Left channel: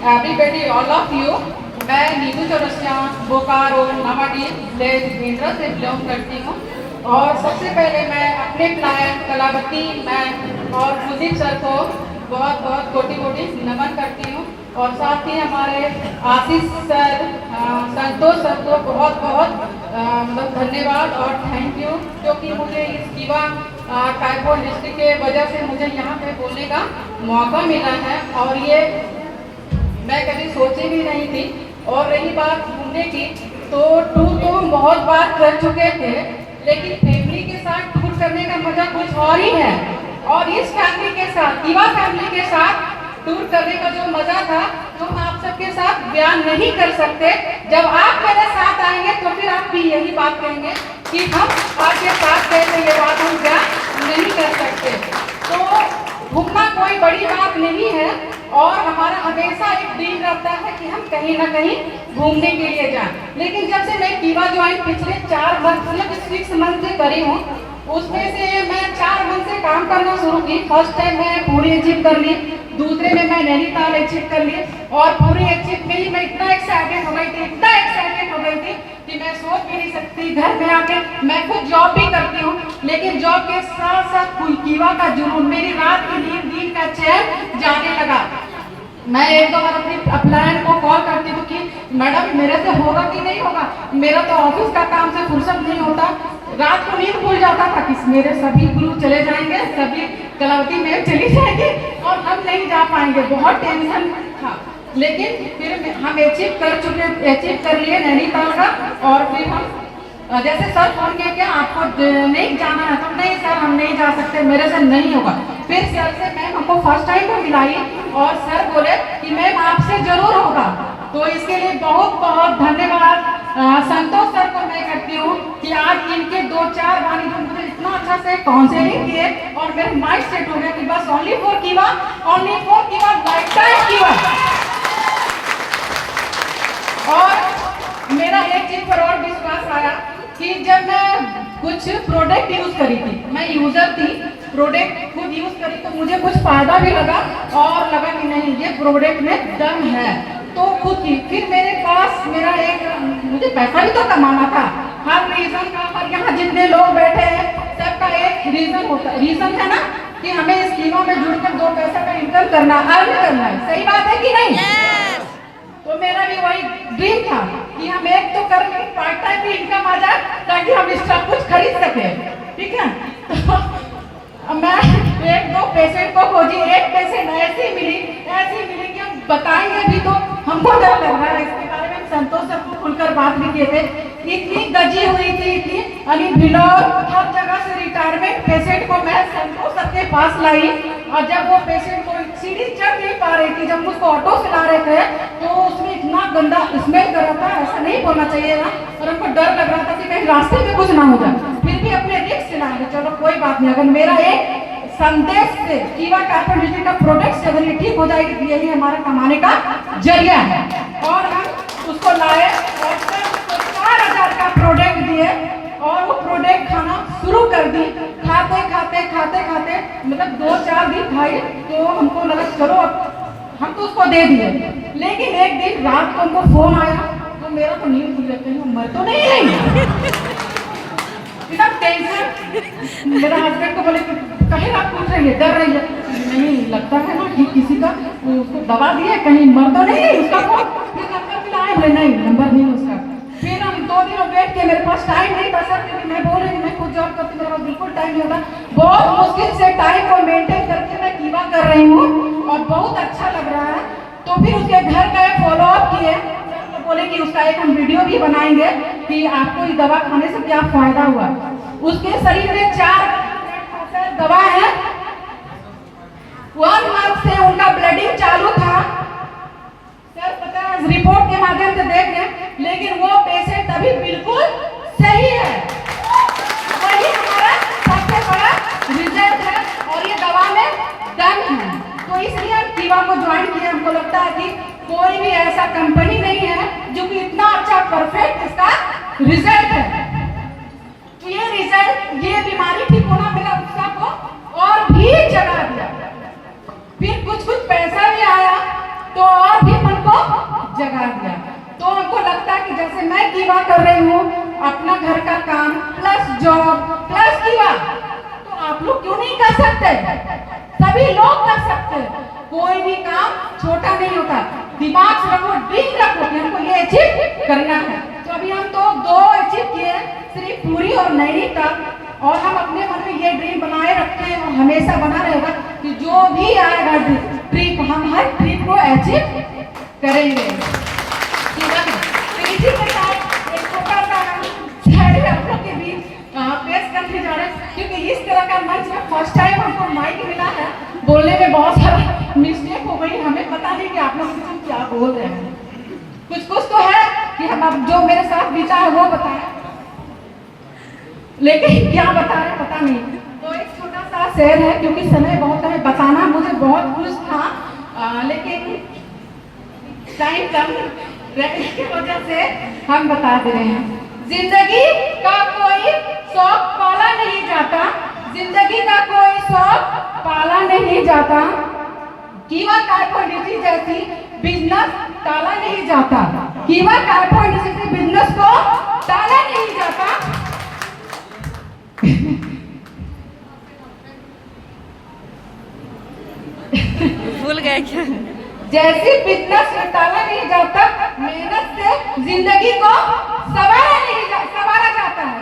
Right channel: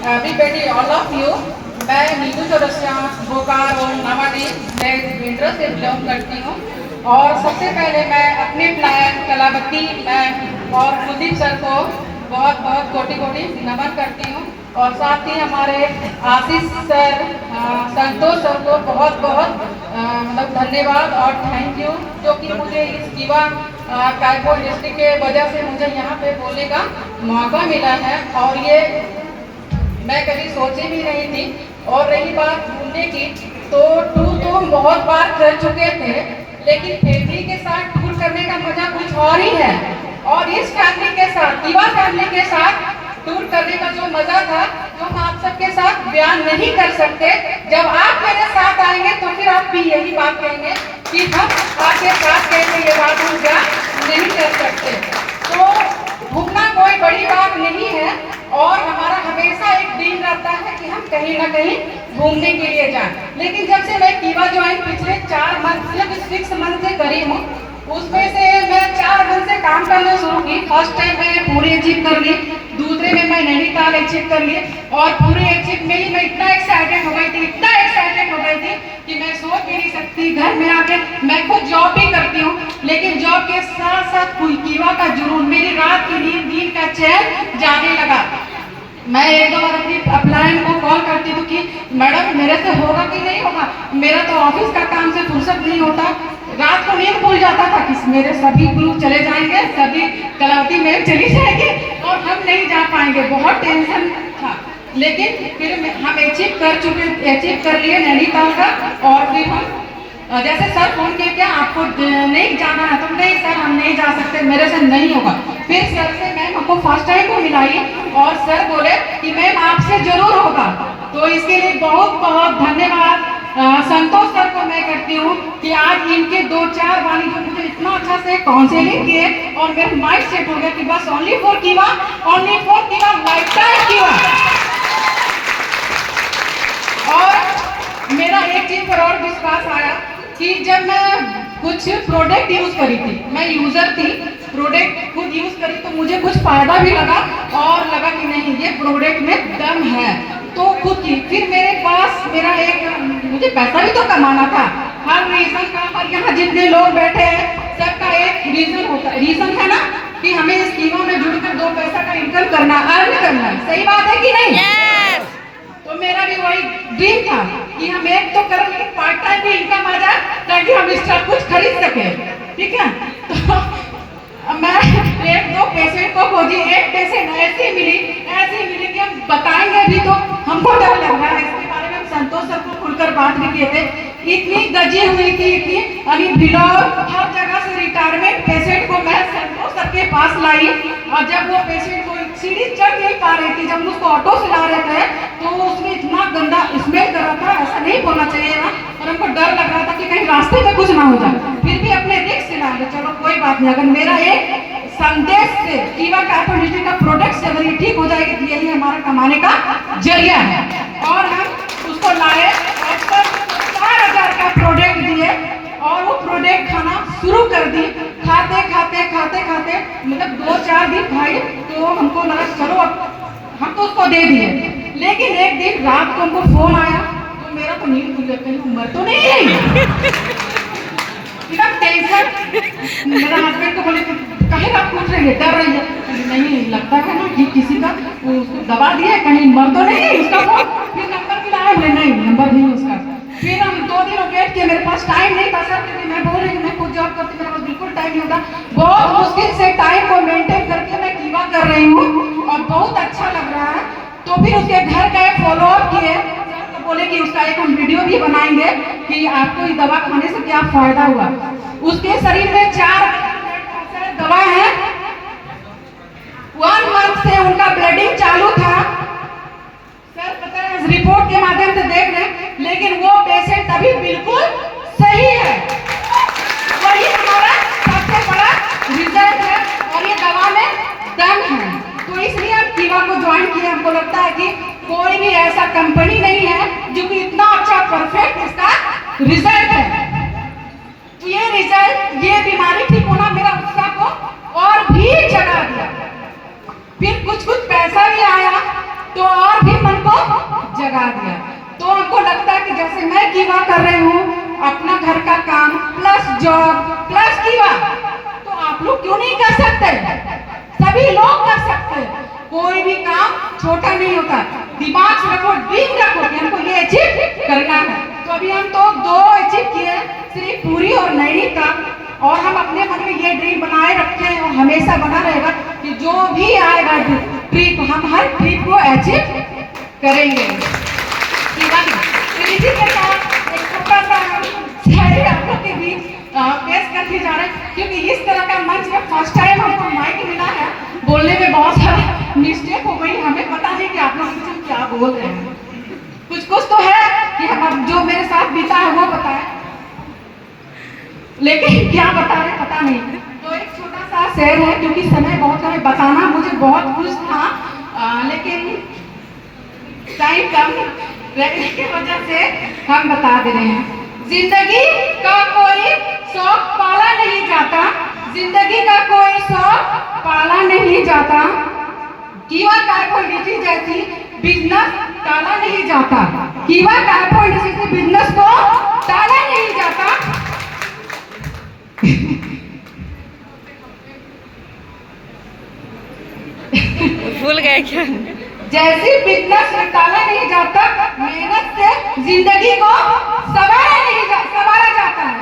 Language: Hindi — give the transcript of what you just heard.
everybody, all of you. मैं नीतू चौरसिया बोकारो नवाडी बेंद्रा से बिलोंग करती हूँ और सबसे पहले मैं अपने प्लान कलावती मैम और कुलदीप सर को बहुत बहुत कोटि कोटि नमन करती हूँ और साथ ही हमारे आशीष सर संतोष सर को बहुत बहुत मतलब धन्यवाद और थैंक यू, जो कि मुझे इस युवा कायपुर डिस्ट्रिक्ट के वजह से मुझे यहाँ पे बोलने का मौका मिला है और ये मैं कभी सोची भी नहीं थी। और रही बात घूमने की, तो टूर तो हम बहुत बार कर चुके थे, लेकिन फैमिली के साथ टूर करने का मजा कुछ और ही है। और इस फैमिली के साथ, युवा फैमिली के साथ टूर करने का जो मजा था वो हम आप सबके साथ बयान नहीं कर सकते। जब आप मेरे साथ आएंगे तो फिर आप भी यही बात कहेंगे कि हम आपके साथ कैसे ये बात हम बयान नहीं कर सकते। तो घूमना कोई बड़ी बात नहीं है और हमारा हमेशा एक ड्रीम रहता है कि हम कहीं ना कहीं घूमने के लिए जाएं। लेकिन जब से मैं कीवा ज्वाइन पिछले 4 मंथ या 6 मंथ से करी हूँ, उसमें से मैं 4 मंथ से काम करना शुरू की। फर्स्ट टाइम मैं पूरी अचीव कर ली, दूसरे में मैं नैनीताल अचीव कर ली और पूरी अचीव में ही मैं इतना एक्साइटेड हो गई थी, इतना एक्साइटेड हो गई थी कि मैं सोच भी नहीं सकती। घर में आके मैं खुद जॉब भी करती हूँ, लेकिन जॉब के साथ साथ कीवा का जुनून, मेरी रात की नींद, दिन का चैन जाने लगा। मैं एक दो बार अपनी अपलायन को कॉल करती थी कि मैडम मेरे से होगा कि नहीं होगा, मेरा तो ऑफिस का काम से फुर्सत नहीं होता। रात को नींद भूल जाता था कि मेरे सभी ग्रुप चले जाएंगे, सभी कलावती मैम चली जाएंगे और हम नहीं जा पाएंगे, बहुत टेंशन था। लेकिन फिर हम अचीव कर लिए नैनीताल का। और फिर हम जैसे सर फोन किया क्या आपको नहीं जाना है, तो नहीं सर हम नहीं जा सकते, मेरे से नहीं होगा। फिर सर से मैम हमको फर्स्ट टाइम को मिलाई और सर बोले कि मैम आपसे जरूर होगा। तो इसके लिए बहुत बहुत धन्यवाद संतोष सर को मैं करती हूँ कि आज इनके 2-4 वाणी जो मुझे इतना अच्छा से काउंसलिंग किए और मेरा माइंड सेट हो गया कि बस ओनली फॉर कीवा लाइफ टाइम कीवा। और मेरा एक चीज पर और विश्वास आया कि जब मैं कुछ प्रोडक्ट यूज करी थी, मैं यूजर थी, प्रोडक्ट खुद यूज करी तो मुझे कुछ फायदा भी लगा और लगा कि नहीं ये प्रोडक्ट में दम है, तो खुद की। फिर मेरे पास मेरा एक, मुझे पैसा भी तो कमाना था हर रीजन का, पर यहाँ जितने लोग बैठे हैं सबका एक रीजन होता है, रीजन है ना कि हमें इस टीमों में जुड़कर 2 पैसा का इनकम करना, अर्न करना है। सही बात है कि नहीं? yes! तो मेरा भी वही ड्रीम था कि हम एक तो कर ले, पार्ट टाइम भी इनकम आ जाए ताकि हम इस सब कुछ खरीद सके, ठीक है। तो मैं 1-2 पेशेंट को खोजी, एक पेशेंट ऐसी मिली कि हम बताएंगे भी तो हमको डर लग रहा है। इसके बारे में हम संतोष सर को खुलकर बात भी किए थे। इतनी गजी हुई थी, इतनी अली भिलाओ हर जगह से रिटायरमेंट पेशेंट को मैं संतोष सर के पास लाई और जब वो पेशेंट को सीढ़ी चढ़ नहीं पा रही थी, जब उसको ऑटो से ला रहे थे तो उसमें इतना गंदा स्मेल कर रहा था, ऐसा नहीं बोलना चाहिए ना, और हमको डर लग रहा था कि कहीं रास्ते में कुछ ना हो जाए। फिर भी अपने रिस्क से लाए, चलो कोई बात नहीं, अगर मेरा एक संदेश से कीवा कायपुर डिस्ट्रिक्ट का प्रोडक्ट से अगर ये ठीक हो जाएगी तो यही हमारा कमाने का जरिया है। और हम उसको लाए और 4,000 का प्रोडक्ट दिए और वो प्रोडक्ट खाना शुरू कर दी। खाते खाते मतलब 2-4 दिन खाई तो हमको लगा चलो अब हम तो उसको दे दिए। लेकिन एक दिन रात को हमको फोन आया तो मेरा तो नींद खुल जाती है, मर तो नहीं रही इतना टेंशन। मेरा हस्बैंड को बोले कहीं आप पूछ रही है, डर रही है, नहीं लगता है ना कि किसी का उसको दबा दिया, कहीं मर तो नहीं उसका फोन। फिर नंबर भी लाए, नहीं नंबर नहीं उसका। फिर हम 2 दिन वेट किए, मेरे पास टाइम नहीं था सर, क्योंकि मैं बोल रही हूँ मैं खुद जॉब करती हूँ, मेरे पास बिल्कुल टाइम नहीं होता। बहुत मुश्किल से टाइम को मेंटेन करके मैं कीवा कर रही हूँ और बहुत अच्छा लग रहा है। तो फिर उसके घर गए, फॉलो अप किए, तो बोले कि उसका एक हम वीडियो भी बनाएंगे कि आपको ये दवा खाने से क्या फायदा हुआ। उसके शरीर में 4 दवा है, 1 मंथ से उनका ब्लडिंग चालू था सर, पता है रिपोर्ट के माध्यम से देख रहे, लेकिन वो पेशेंट अभी बिल्कुल सही है। वही हमारा सबसे बड़ा रिजल्ट है और ये दवा में दम है। तो इसलिए हम कीवा को ज्वाइन किए। हमको लगता है कि कोई भी ऐसा कंपनी नहीं है जो कि इतना अच्छा परफेक्ट इसका रिजल्ट है। तो ये रिजल्ट, ये बीमारी ठीक होना मेरा उत्साह को और भी जगा दिया। फिर कुछ पैसा भी आया लगा दिया। तो हमको लगता है कि जैसे मैं कीवा कर रही हूँ, अपना घर का काम प्लस जॉब प्लस कीवा, तो आप लोग क्यों नहीं कर सकते? सभी लोग कर सकते। कोई भी काम छोटा नहीं होता। दिमाग से रखो, ड्रीम रखो कि हमको ये अचीव करना है। तो अभी हम तो 2 अचीव किए, सिर्फ पूरी और नैनीताल, और हम अपने मन में ये ड्रीम बनाए रखे हैं और हमेशा बना रहेगा कि जो भी आएगा ट्रिप, हम हर ट्रिप को अचीव करेंगे। इसी के साथ एक छोटा सा शायरी आप लोग के बीच पेश करके जा रहे हैं, क्योंकि इस तरह का मंच में फर्स्ट टाइम हमको माइक मिला है। बोलने में बहुत सारा मिस्टेक हो गई, हमें पता नहीं कि आप लोग मुझे क्या बोल रहे हैं। कुछ तो है कि हम जो मेरे साथ बीता है वो पता है, लेकिन क्या बता रहे पता नहीं। तो एक छोटा सा शेर है, क्योंकि समय बहुत है, बताना मुझे बहुत कुछ था, लेकिन टाइम कम रहने की वजह से हम बता दे रहे हैं। जिंदगी का कोई शौक पाला नहीं जाता, जिंदगी का कोई शौक पाला नहीं जाता, कीवा कार्बोहाइड्रेट जैसी बिजनेस टाला नहीं जाता, कीवा कार्बोहाइड्रेट जैसी बिजनेस को टाला नहीं जाता। भूल गए क्या? जैसी बिजनेस में टाला नहीं जाता, मेहनत से जिंदगी को संवारा नहीं जाता, संवारा जाता है।